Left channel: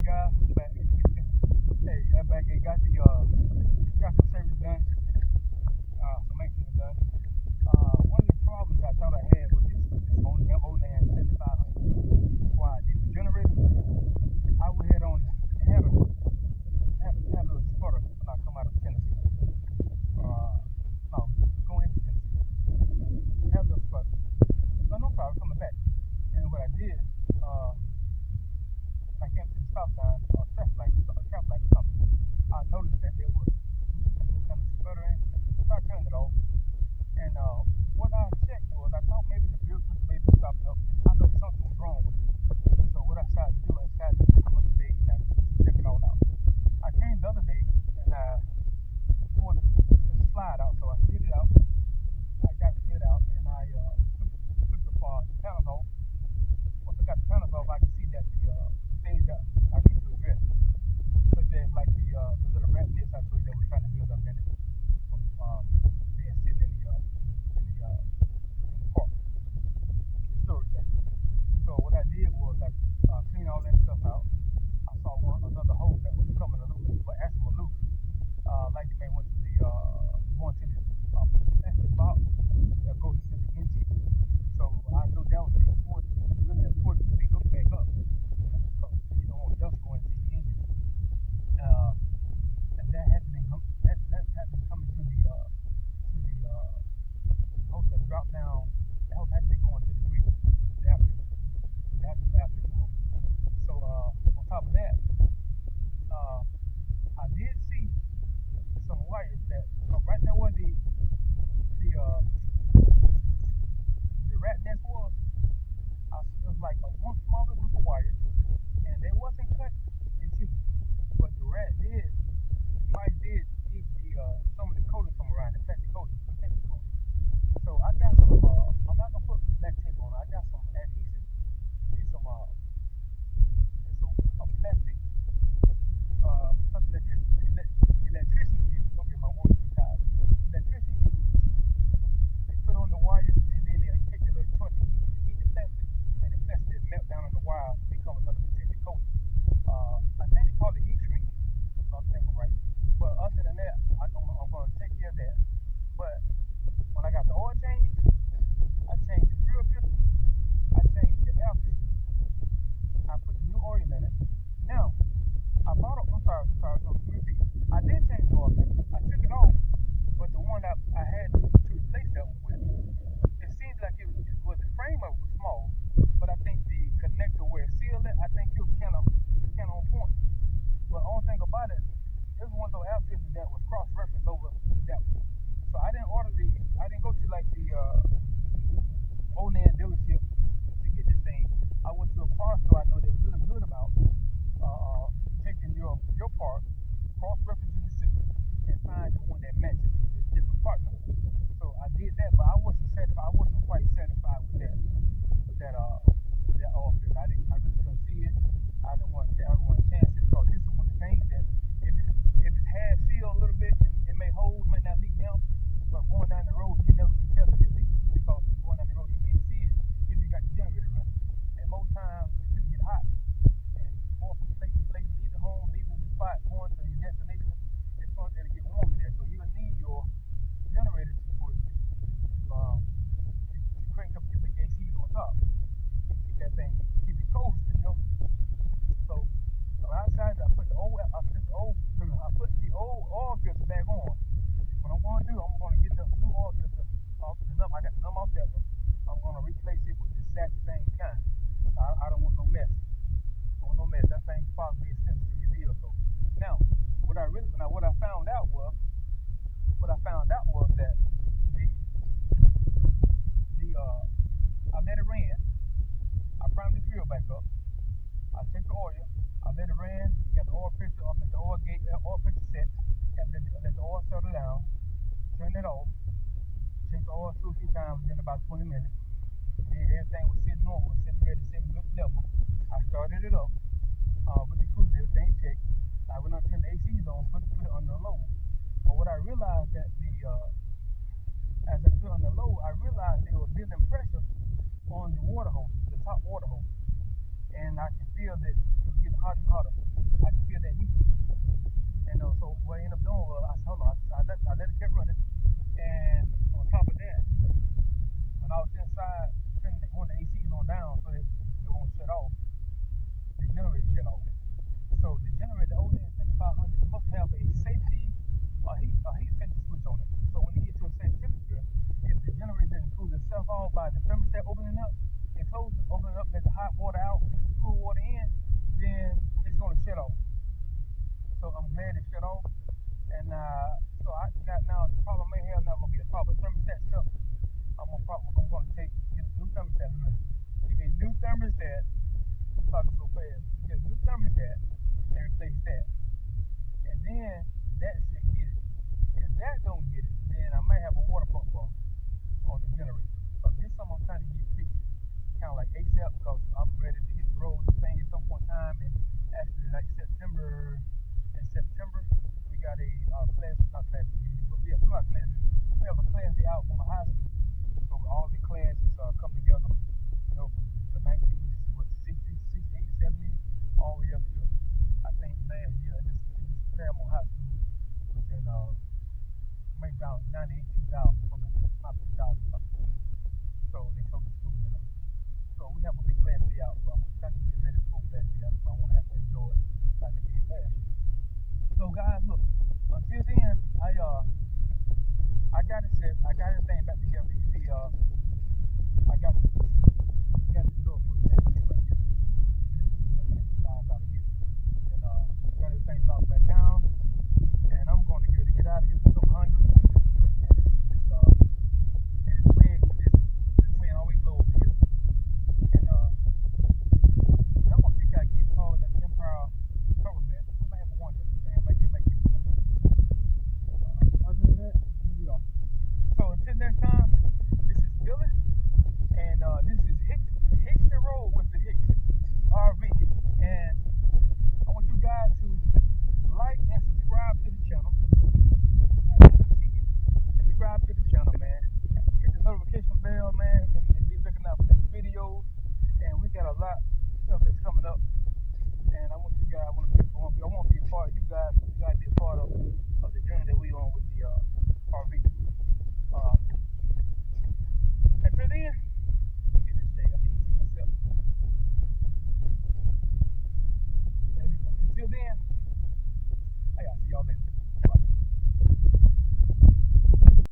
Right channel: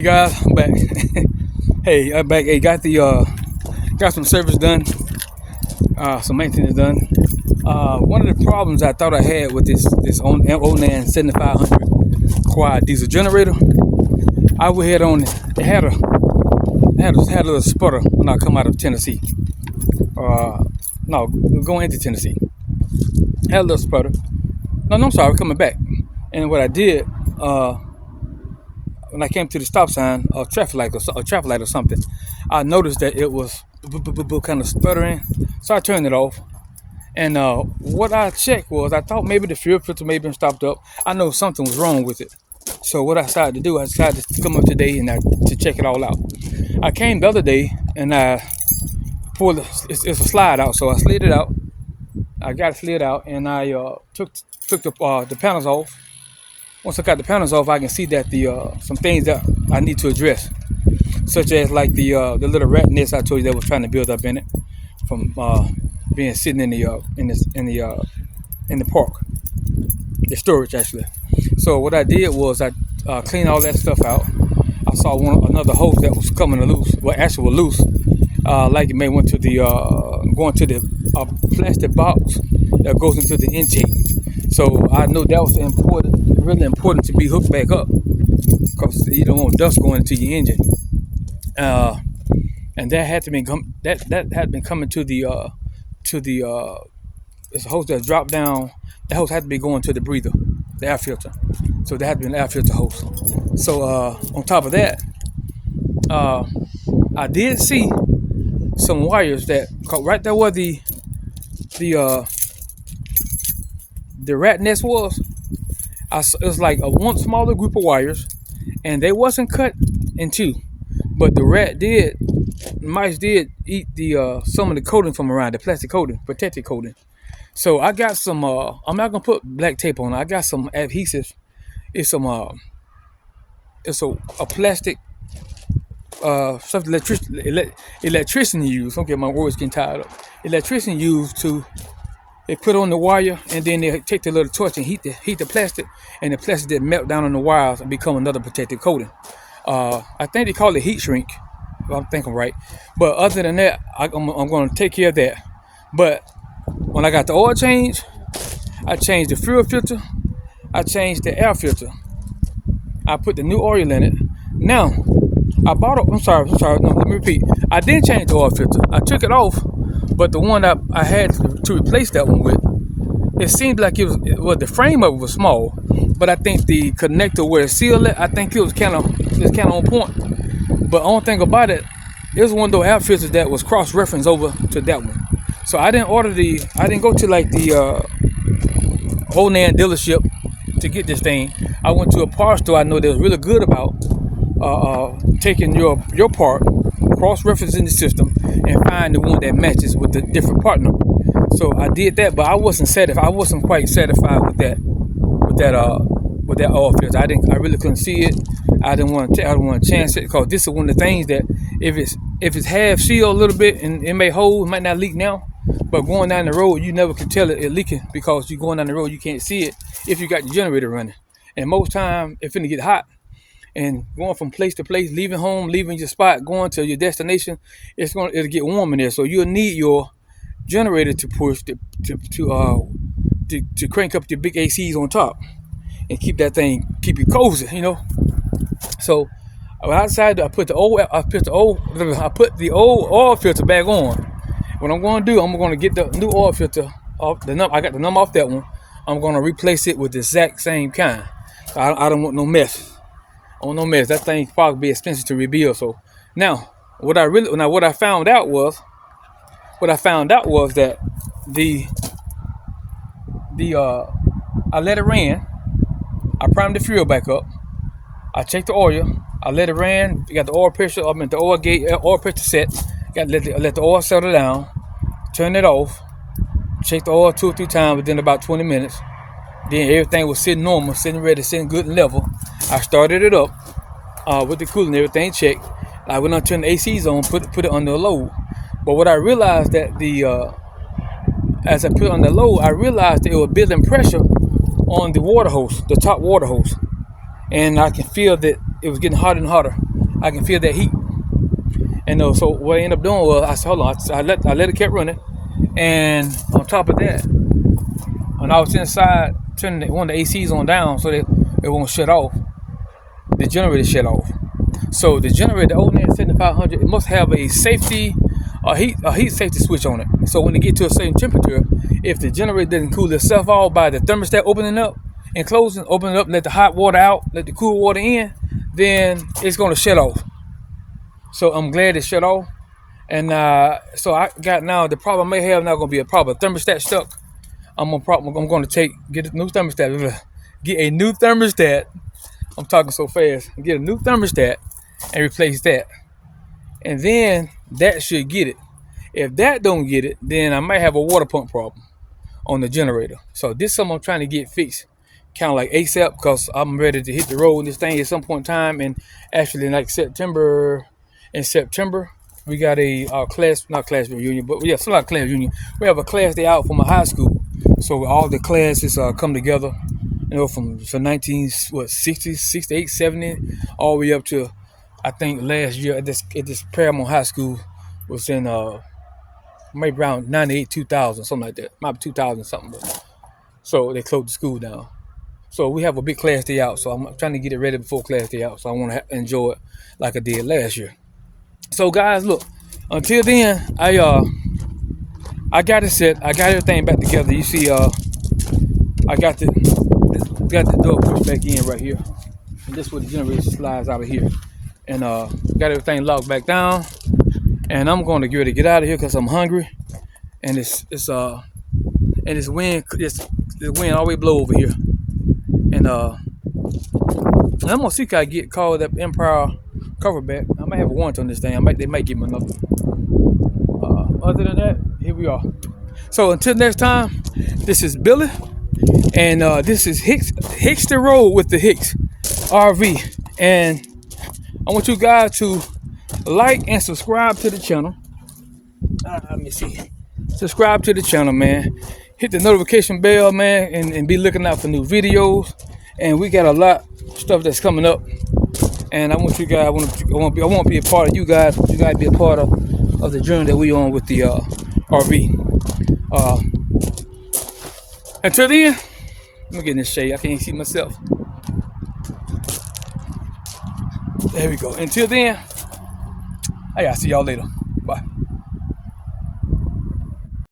Hey guys, I'm back. Hey, I'm back. Hey, got some service done, some maintenance done. One of the problems I thought I had with this Onan 7500 quad diesel generator, I went ahead on it. Had a little sputter when I come out of Tennessee. No, going into Tennessee, had a little sputter. No, I'm sorry, coming back. And what I did, when I came to the stop sign, a traffic light or something, I noticed that it was kind of sputtering. So I turned it off. And what I checked was, I thought maybe the fuel filter may have been stopped up. I know something was wrong with it. So what I decided to do, I decided to come up today and to check it all out. I came the other day and I pulled, it's a slide out, so I slid it out. I got it slid out and I took the panels off. Once I got the panels off, I can see that some things that I need to address, such as like the little rat nest I told you that was trying to build up in it from being sitting in the park, the storage actually. So what I did was I cleaned all that stuff out. I saw another hose that was coming loose. Well, actually was loose. Like it may went to going to the plastic box that goes into the intake. So I know that was really important to be hooked back up, because you don't want dust going into your engine. And that had been coming to the it's a hose that dropped down. That hose had to be going to the breather, the air filter. So that had to be an air filter hose. So on top of that, I did see some wires that right there where the rat nest was. It was like one smaller group of wires, and they wasn't cut in two, but the mice did eat some of the coating from around, the plastic coating, protective coating. So I got some. I'm not gonna put black tape on it. I got some adhesive. It's a plastic something electrician use. Don't get my words getting tired up. Electrician use to. They put on the wire, and then they take the little torch and heat the plastic, and the plastic that melt down on the wires and become another protective coating. I think they call it heat shrink. I think I'm right. But other than that, I'm going to take care of that. But when I got the oil change, I changed the fuel filter. I changed the air filter. I put the new oil in it. Now, I'm sorry. No, let me repeat. I didn't change the oil filter. I took it off. But the one that I had to replace that one with, it seemed like the frame of it was small, but I think the connector where it sealed it, I think it was kind of on point. But the only thing about it, it was one of those air filters that was cross-referenced over to that one. So I didn't go to like the Onan dealership to get this thing. I went to a parts store I know that was really good about taking your part, cross-referencing the system, and find the one that matches with the different part number. So I did that, but I wasn't quite satisfied with that oil filter. I really couldn't see it. I didn't want to chance it, because this is one of the things that if it's half sealed a little bit and it may hold, it might not leak now, but going down the road you never can tell it leaking, because you're going down the road you can't see it if you got your generator running. And most time it's finna get hot. And going from place to place, leaving home, leaving your spot, going to your destination, it'll get warm in there. So you'll need your generator to push to crank up your big ACs on top and keep you cozy, you know. So outside, I put the old oil filter back on. What I'm going to do, I'm going to get the new oil filter off the number. I got the number off that one. I'm going to replace it with the exact same kind. I don't want no mess. That thing probably be expensive to rebuild. So now, what I found out was that I let it ran. I primed the fuel back up. I checked the oil. I let it ran. Got the oil pressure up at the oil gauge, oil pressure set. Let the oil settle down. Turn it off. Check the oil 2 or 3 times within about 20 minutes. Then everything was sitting normal, sitting ready, sitting good and level. I started it up with the coolant, everything checked. I went on, turned the ACs on, put it under load. But what I realized that as I put it on the load, I realized that it was building pressure on the water hose, the top water hose. And I can feel that it was getting hotter and hotter. I can feel that heat. And so what I ended up doing was I said, hold on, I let it keep running. And on top of that, when I was inside, turning one of the ACs on down so that it won't shut off, the generator shut off. So the generator, the Onan 7500, it must have a heat safety switch on it. So when it get to a certain temperature, if the generator doesn't cool itself off by the thermostat opening up and closing, open it up, let the hot water out, let the cool water in, then it's gonna shut off. So I'm glad it shut off. And so I got now, the problem I may have now gonna be a problem. Thermostat stuck. I'm gonna get a new thermostat. Get a new thermostat. I'm talking so fast. Get a new thermostat and replace that. And then that should get it. If that don't get it, then I might have a water pump problem on the generator. So this is something I'm trying to get fixed, kind of like ASAP, because I'm ready to hit the road in this thing at some point in time. And actually, in September, we got a not class reunion, but yeah, some like class reunion. We have a class day out from a high school, so all the classes come together. From 1960, 68, 70, all the way up to, I think last year at this Paramount High School was in maybe around 98, 2000, something like that. Might be 2000 something. So they closed the school down. So we have a big class day out. So I'm trying to get it ready before class day out. So I want to enjoy it like I did last year. So guys, look. Until then, I got it set. I got everything back together. You see, I got the door pushed back in right here. And this is where the generator slides out of here. And got everything locked back down. And I'm going to get out of here because I'm hungry. And the wind always blow over here. And I'm gonna see if I get called up Empire cover back. I might have a warrant on this thing. They might give me another. Other than that, here we are. So until next time, this is Billy, and this is Hicks the Road with the Hicks RV. And I want you guys to like and subscribe to the channel. Let me see. Subscribe to the channel, man. Hit the notification bell, man, and be looking out for new videos. And we got a lot of stuff that's coming up. And I want you guys, I want to be a part of you guys. You guys be a part of the journey that we on with the RV. Until then, let me get in this shade. I can't see myself. There we go. Until then, I gotta see y'all later.